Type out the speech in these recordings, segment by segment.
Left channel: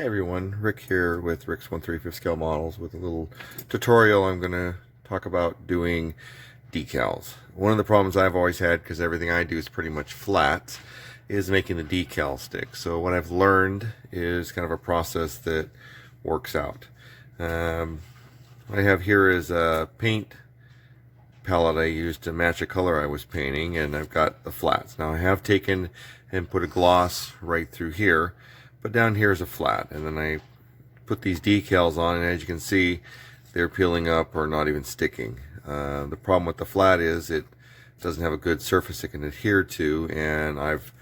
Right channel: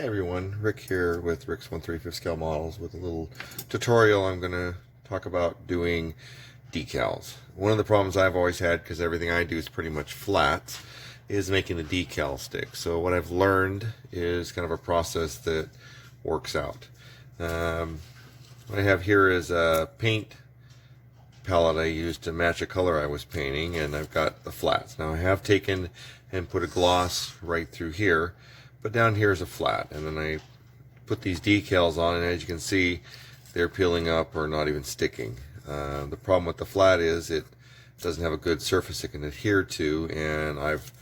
Hi everyone, Rick here with Rick's 1/3 scale models with a little tutorial. I'm going to talk about doing decals. One of the problems I've always had, because everything I do is pretty much flat, is making the decal stick. So what I've learned is kind of a process that works out. What I have here is a paint palette I used to match a color I was painting, and I've got the flats. Now I have taken and put a gloss right through here, but down here is a flat, and then I put these decals on, and as you can see, they're peeling up or not even sticking. The problem with the flat is it doesn't have a good surface it can adhere to, and I've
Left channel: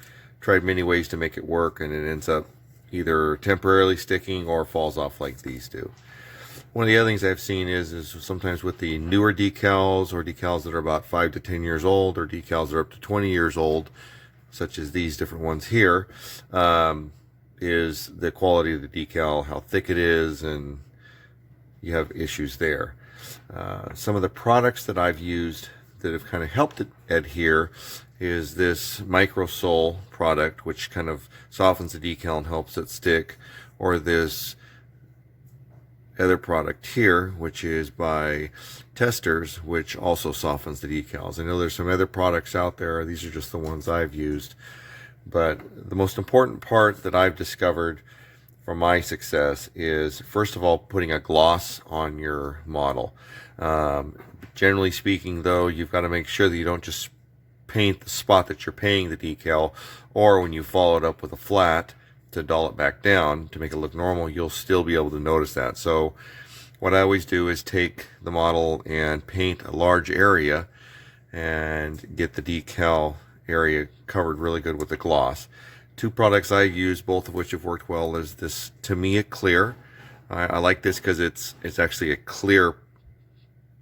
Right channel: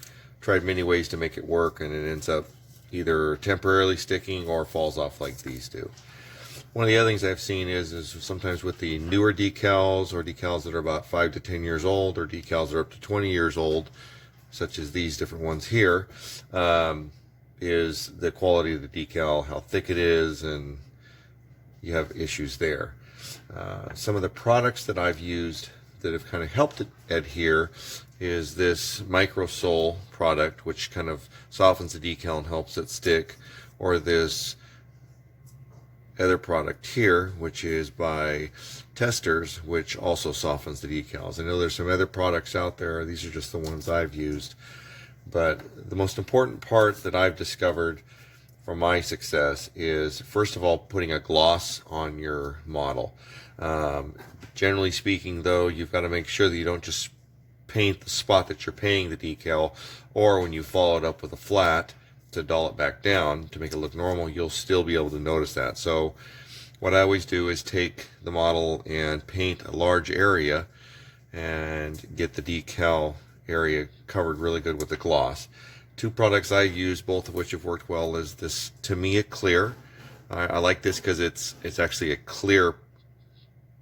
tried many ways to make it work, and it ends up either temporarily sticking or falls off like these do. One of the other things I've seen is sometimes with the newer decals, or decals that are about 5 to 10 years old, or decals that are up to 20 years old, such as these different ones here, is the quality of the decal, how thick it is, and you have issues there. Some of the products that I've used that have kind of helped it adhere is this Microsol product, which kind of softens the decal and helps it stick, or this other product here, which is by Testers, which also softens the decals. I know there's some other products out there. These are just the ones I've used. But the most important part that I've discovered for my success is, first of all, putting a gloss on your model. Generally speaking, though, you've got to make sure that you don't just paint the spot that you're painting the decal, or when you follow it up with a flat to dull it back down to make it look normal, you'll still be able to notice that. So what I always do is take the model and paint a large area and get the decal area covered really good with the gloss. Two products I've used, both of which have worked well, is this Tamiya Clear. I like this because it's actually a clear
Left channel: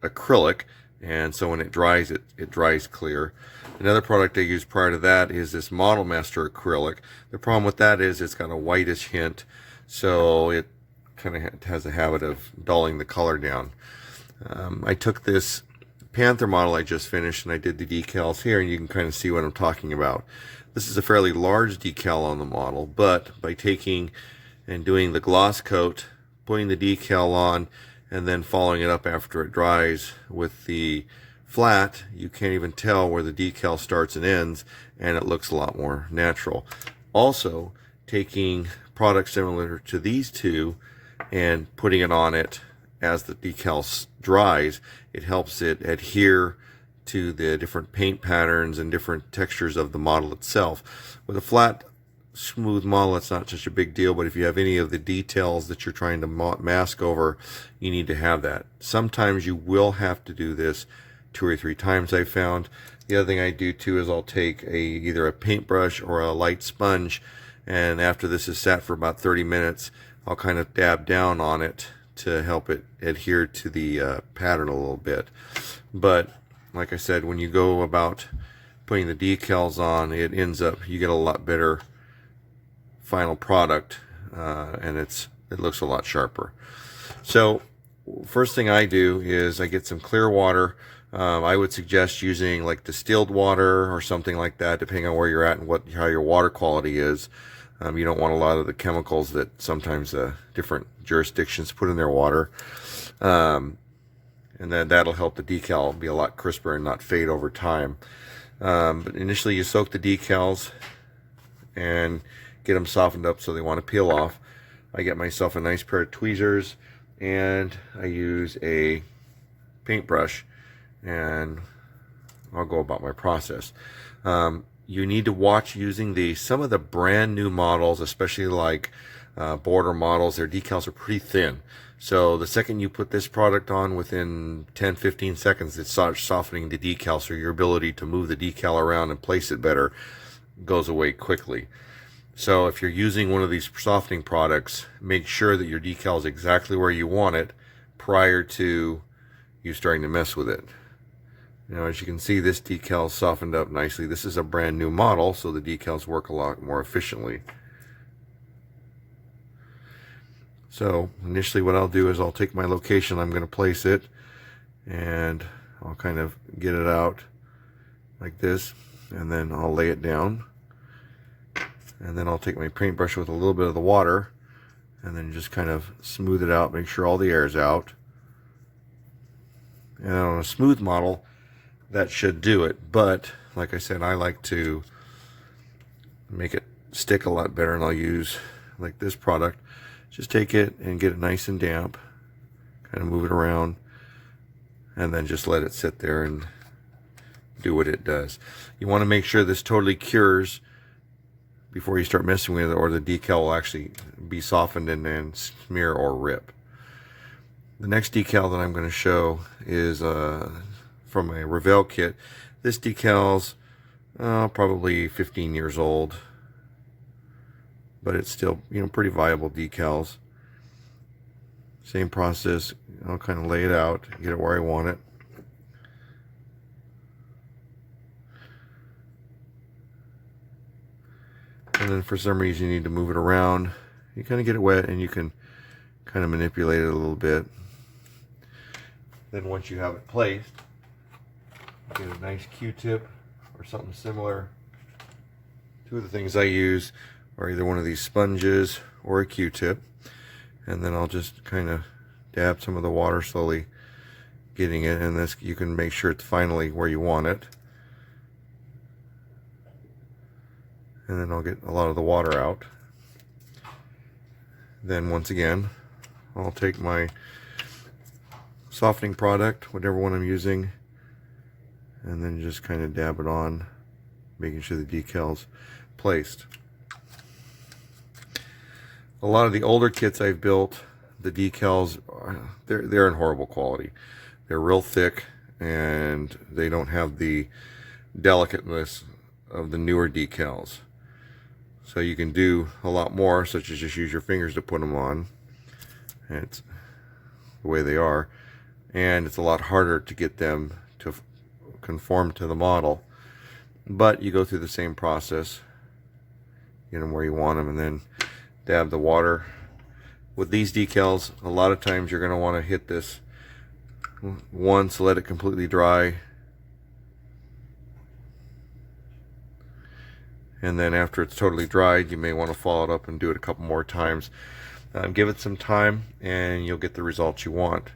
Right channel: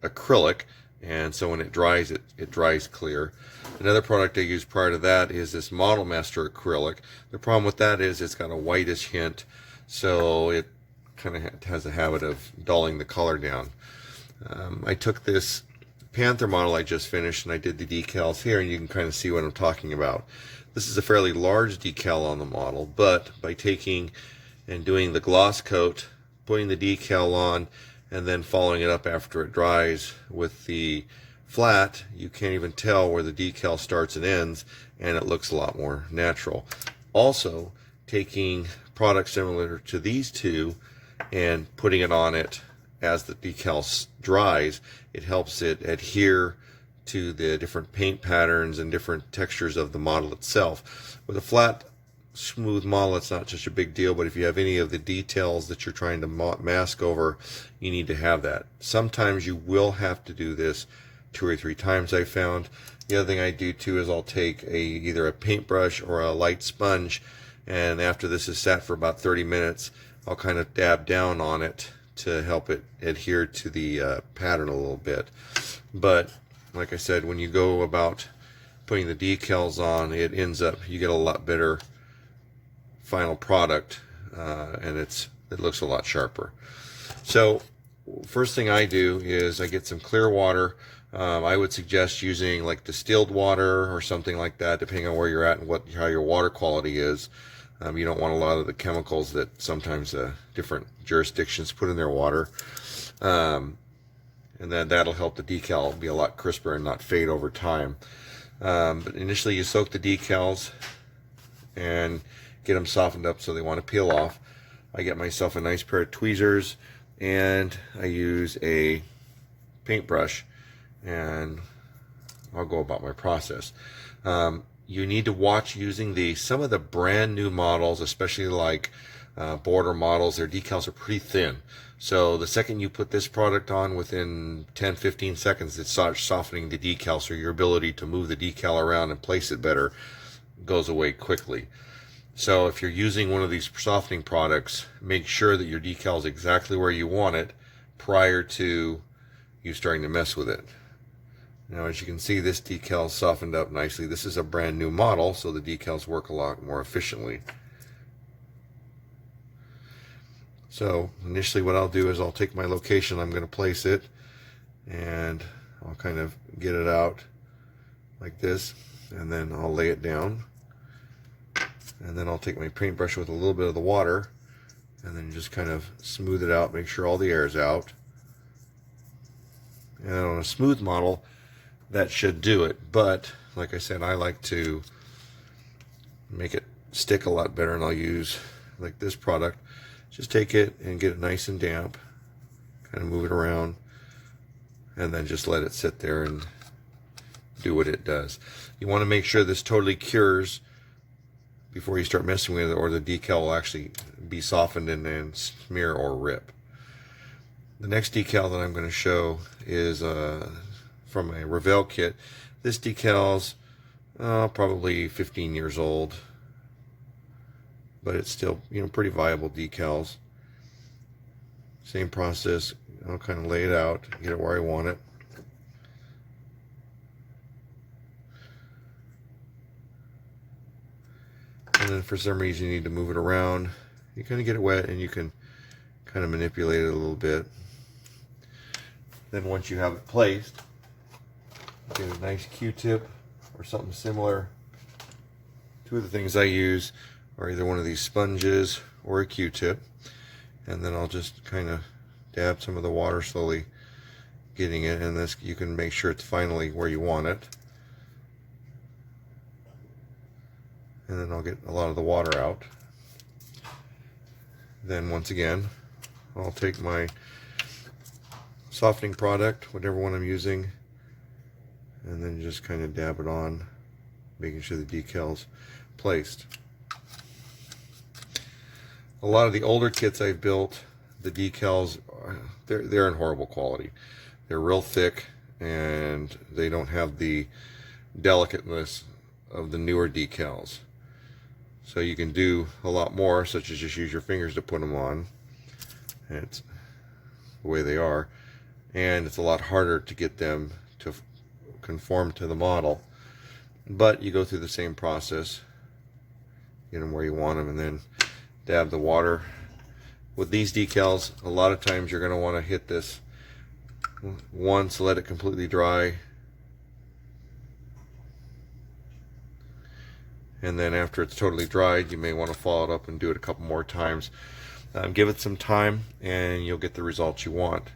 acrylic, and so when it dries, it dries clear. Another product I used prior to that is this Model Master acrylic. The problem with that is it's got a whitish hint, so it kind of has a habit of dulling the color down. I took this Panther model I just finished, and I did the decals here, and you can kind of see what I'm talking about. This is a fairly large decal on the model, but by taking and doing the gloss coat, putting the decal on, and then following it up after it dries with the flat, you can't even tell where the decal starts and ends, and it looks a lot more natural. Also, taking products similar to these two and putting it on it as the decal dries, it helps it adhere to the different paint patterns and different textures of the model itself. With a flat, smooth model, it's not such a big deal, but if you have any of the details that you're trying to mask over, you need to have that. Sometimes you will have to do this 2 or 3 times, I found. The other thing I do too is I'll take either a paintbrush or a light sponge, and after this is sat for about 30 minutes, I'll kind of dab down on it to help it adhere to the pattern a little bit. But like I said, when you go about putting the decals on, it ends up, you get a lot better final product, and it looks a lot sharper. So first thing I do is I get some clear water. I would suggest using like distilled water or something like that, depending on where you're at and how your water quality is. You don't want a lot of the chemicals that sometimes different jurisdictions put in their water. And then that'll help the decal be a lot crisper and not fade over time. But initially you soak the decals and get them softened up so they want to peel off. I get myself a nice pair of tweezers, and I use a paintbrush, and I'll go about my process. You need to watch using some of the brand new models, especially like border models. Their decals are pretty thin. So the second you put this product on, within 10-15 seconds, it starts softening the decal, so your ability to move the decal around and place it better goes away quickly. So if you're using one of these softening products, make sure that your decal is exactly where you want it prior to you starting to mess with it. Now, as you can see, this decal is softened up nicely. This is a brand new model, so the decals work a lot more efficiently. So initially what I'll do is I'll take my location I'm going to place it, and I'll kind of get it out like this, and then I'll lay it down. And then I'll take my paintbrush with a little bit of the water and then just kind of smooth it out, make sure all the air is out. And on a smooth model, that should do it. But like I said, I like to make it stick a lot better, and I'll use like this product. Just take it and get it nice and damp, kind of move it around, and then just let it sit there and do what it does. You want to make sure this totally cures before you start messing with it, or the decal will actually be softened and then smear or rip. The next decal that I'm going to show is from a Revell kit. This decal's probably 15 years old, but it's still, you know, pretty viable decals. Same process. I'll kind of lay it out, get it where I want it. And then for some reason you need to move it around. You kind of get it wet and you can kind of manipulate it a little bit. Then once you have it placed, get a nice Q-tip or something similar. Two of the things I use are either one of these sponges or a Q-tip. And then I'll just kind of dab some of the water, slowly getting it, and this, you can make sure it's finally where you want it. And then I'll get a lot of the water out. Then once again, I'll take my softening product, whatever one I'm using, and then just kind of dab it on, making sure the decal's placed. A lot of the older kits I've built, the decals, they're in horrible quality. They're real thick, and they don't have the delicateness of the newer decals. So you can do a lot more, such as just use your fingers to put them on. And it's the way they are. And it's a lot harder to get them to conform to the model. But you go through the same process. Get them where you want them, and then dab the water. With these decals, a lot of times you're going to want to hit this once, let it completely dry, and then after it's totally dried, you may want to follow it up and do it a couple more times. Give it some time and you'll get the results you want.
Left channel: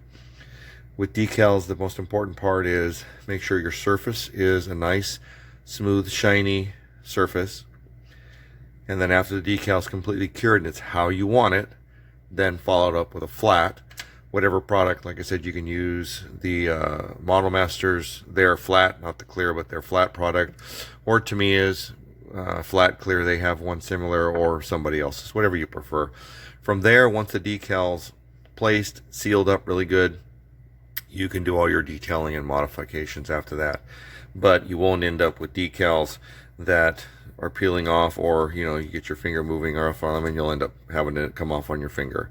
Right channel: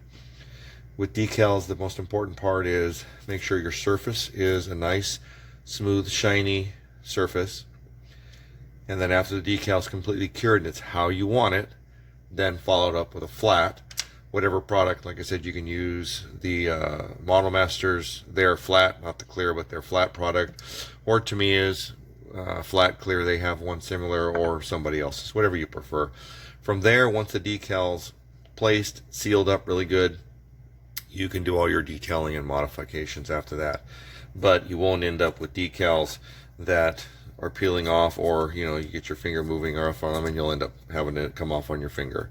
With decals, the most important part is make sure your surface is a nice, smooth, shiny surface. And then after the decal's completely cured and it's how you want it, then follow it up with a flat. Whatever product, like I said, you can use the Model Masters, they're flat, not the clear, but they're flat product. Or Tamiya's flat clear, they have one similar, or somebody else's, whatever you prefer. From there, once the decal's placed, sealed up really good, you can do all your detailing and modifications after that. But you won't end up with decals that are peeling off, or you get your finger moving off on them and you'll end up having it come off on your finger.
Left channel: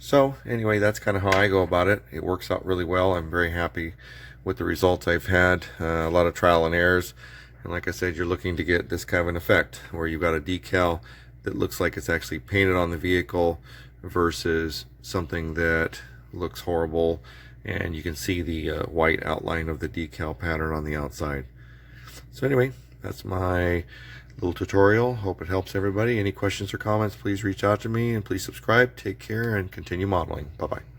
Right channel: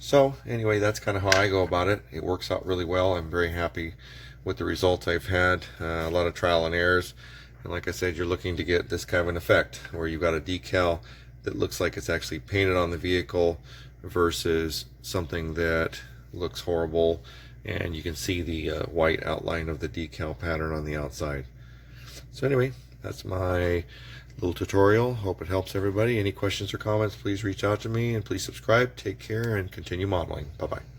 So anyway, that's kind of how I go about it. It works out really well. I'm very happy with the results I've had. A lot of trial and errors, and like I said, you're looking to get this kind of an effect where you've got a decal that looks like it's actually painted on the vehicle versus something that looks horrible and you can see the white outline of the decal pattern on the outside. So anyway, that's my little tutorial. Hope it helps everybody. Any questions or comments, please reach out to me, and please subscribe. Take care and continue modeling. Bye-bye.